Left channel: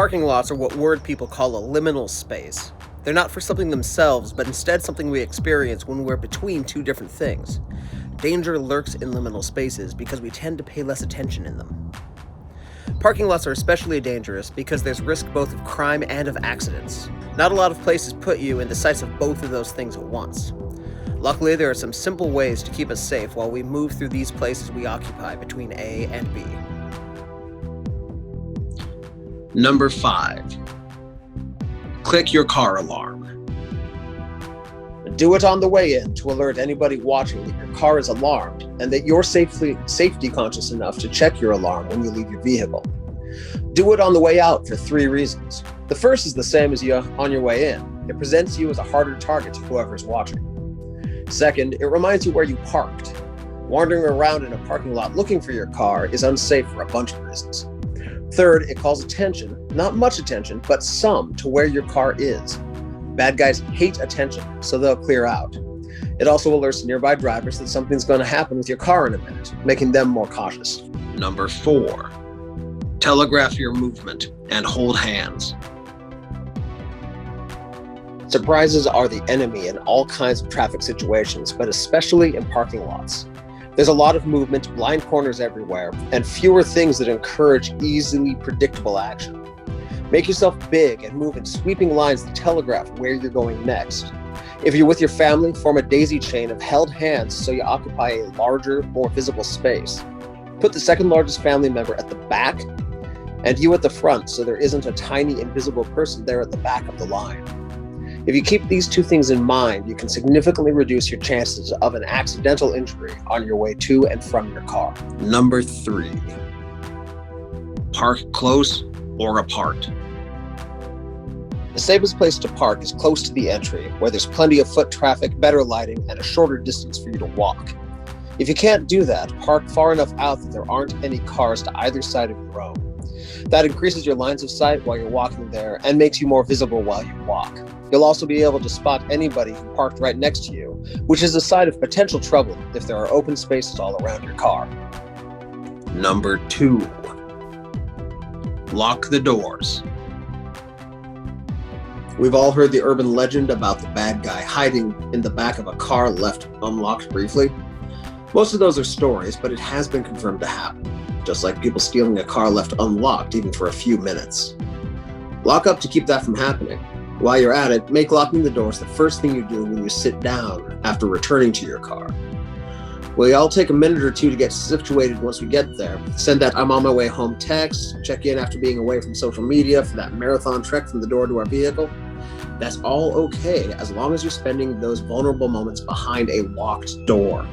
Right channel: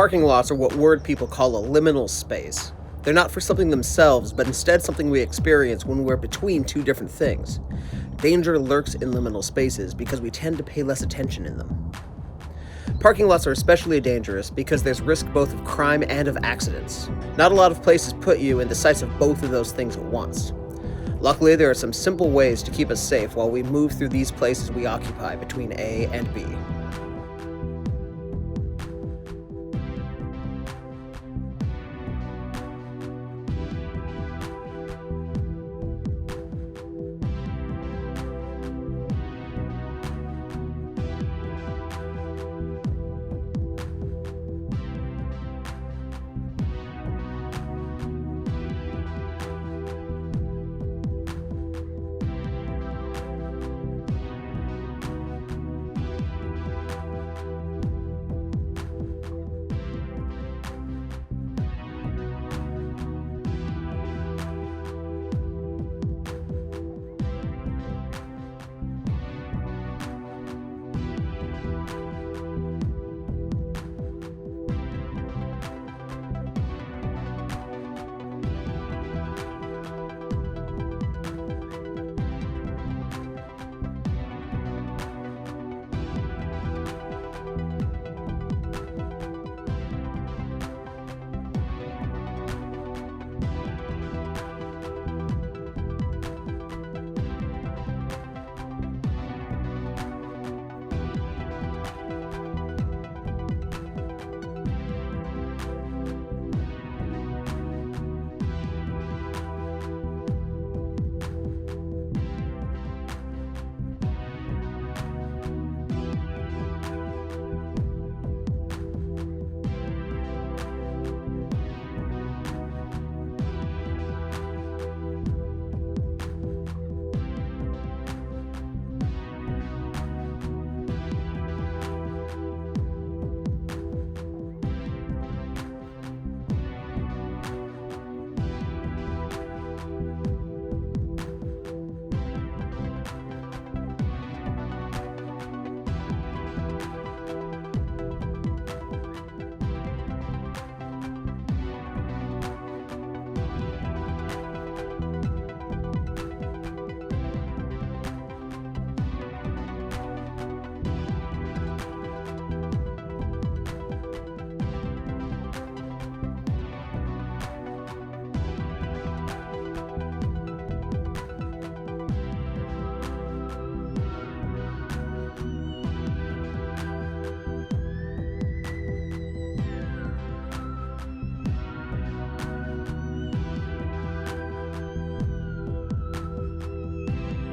Parking lots are what word people call a liminal space. They're not for something themselves, but instead something we experience when we're between two different things. Danger lurks in liminal spaces because we tend to pay less attention in them. Parking lots are especially dangerous because there's risk both of crime and of accidents. Not a lot of places put you in the sights of both of those things at once. Luckily, there are some simple ways to keep us safe while we move through these places we occupy between A and B. Number 5. Click your car alarm. Do it on the way in to alert anybody watching that your car is alarmed and that you're safety conscious enough to check your alarm when you leave your vehicle. Do it on the way out for 3 reasons. The first is the same as on your way in. It presents you as a harder target to whoever's watching. Second, it reminds you where you parked. Wandering around in a parking lot looking for your car is unsafe for a bunch of reasons. Third, it calls attention, not much attention, but some, to where your car is. Bad guys hate attention, so they'll clear out. It also alerts nearby drivers that something's going to happen with your car in a minute, making them more cautious. Number 4. Telegraph your movement and hold hands. Surprises are the enemy in all kinds of traffic situations, but especially in parking lots. There's a lot of movement, blind corners everywhere, and fewer things that encourage easily predictable action. Make yourself big and move in sweeping lines that telegraph where you're going next. If you're with your family, form a daisy chain of held hands so you occupy a larger, more visible space. Put the second largest family member at the back and you at the front so there isn't a tiny invisible person there at the back of the line. If you keep these 2 things in mind, you can significantly reduce your chances of an accidental injury on your way to and from your car. Number 3. Park close or apart. The safest place to park is close to the entry, where there's plenty of foot traffic, better lighting, and a shorter distance for you to walk. If you can't do that, park far enough out that there aren't any cars to either side of the road. That increases your lines of sight while you're walking there and makes you more visible while you walk. You'll also be able to spot anybody who parked right next to you, which is a sign of potential trouble if there are open spaces all around your car. Number 2. Lock the doors. We've all heard the urban legend about the bad guy hiding in the back of a car left unlocked briefly. Most of those are stories, but it has been confirmed to happen, just like people stealing a car left unlocked even for a few minutes. Lock up to keep that from happening. While you're at it, make locking the doors the first thing you do when you sit down after returning to your car. We'll all take a minute or 2 to get situated once we get there. Send that "I'm on my way home" text, check in after being away from social media for that marathon trek from the door to our vehicle. That's all okay as long as you're spending those vulnerable moments behind a locked door,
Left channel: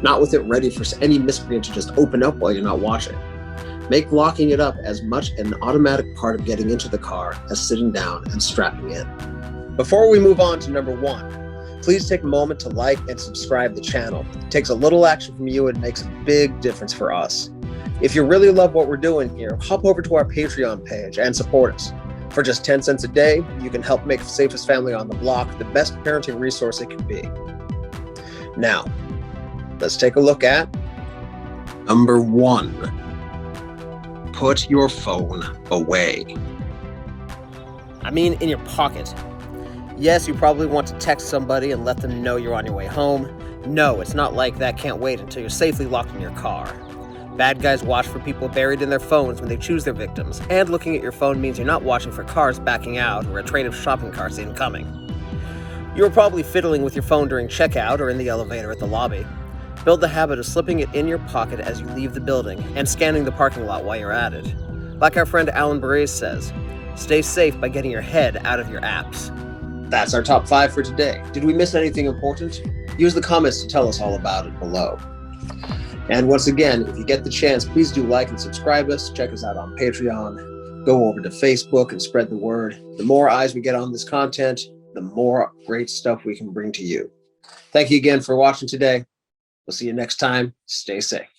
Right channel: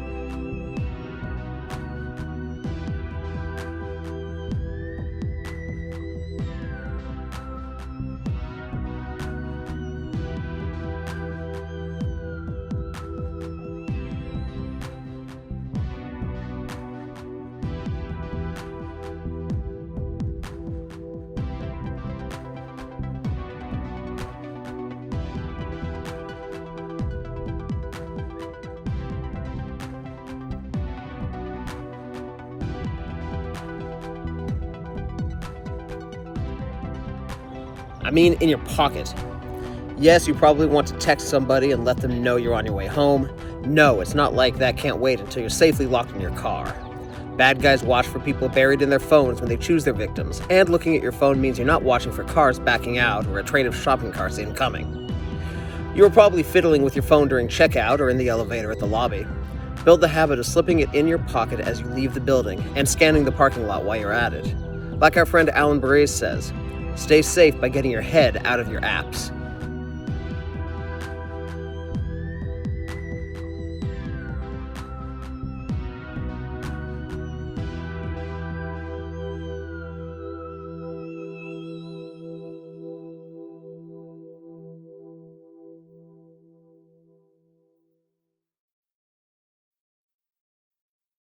not with it ready for any miscreant to just open up while you're not watching. Make locking it up as much an automatic part of getting into the car as sitting down and strapping in. Before we move on to number 1, please take a moment to like and subscribe the channel. It takes a little action from you and makes a big difference for us. If you really love what we're doing here, hop over to our Patreon page and support us. For just 10 cents a day, you can help make the safest family on the block the best parenting resource it can be. Now, let's take a look at Number 1. Put your phone away. I mean, in your pocket. Yes, you probably want to text somebody and let them know you're on your way home. No, it's not like that. Can't wait until you're safely locked in your car. Bad guys watch for people buried in their phones when they choose their victims, and looking at your phone means you're not watching for cars backing out or a train of shopping carts incoming. You were probably fiddling with your phone during checkout or in the elevator at the lobby. Build the habit of slipping it in your pocket as you leave the building and scanning the parking lot while you're at it. Like our friend Alan Berets says, stay safe by getting your head out of your apps. That's our top 5 for today. Did we miss anything important? Use the comments to tell us all about it below. And once again, if you get the chance, please do like and subscribe us. Check us out on Patreon. Go over to Facebook and spread the word. The more eyes we get on this content, the more great stuff we can bring to you. Thank you again for watching today. We'll see you next time. Stay safe.